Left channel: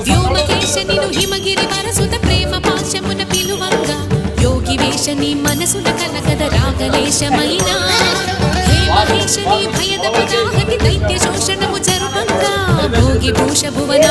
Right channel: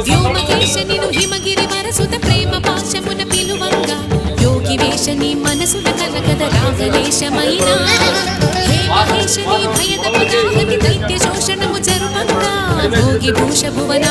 వ్యోమకేశనిను హిమగిరి వరసుత ప్రేమ పాశమున పిలువంగా యోగి వేషని మనసున కలకద రాగలేశమైనా హే మహేశని భయద పదాహతి దైత్య శోషణము జరుపంగా భోగి భూష భువన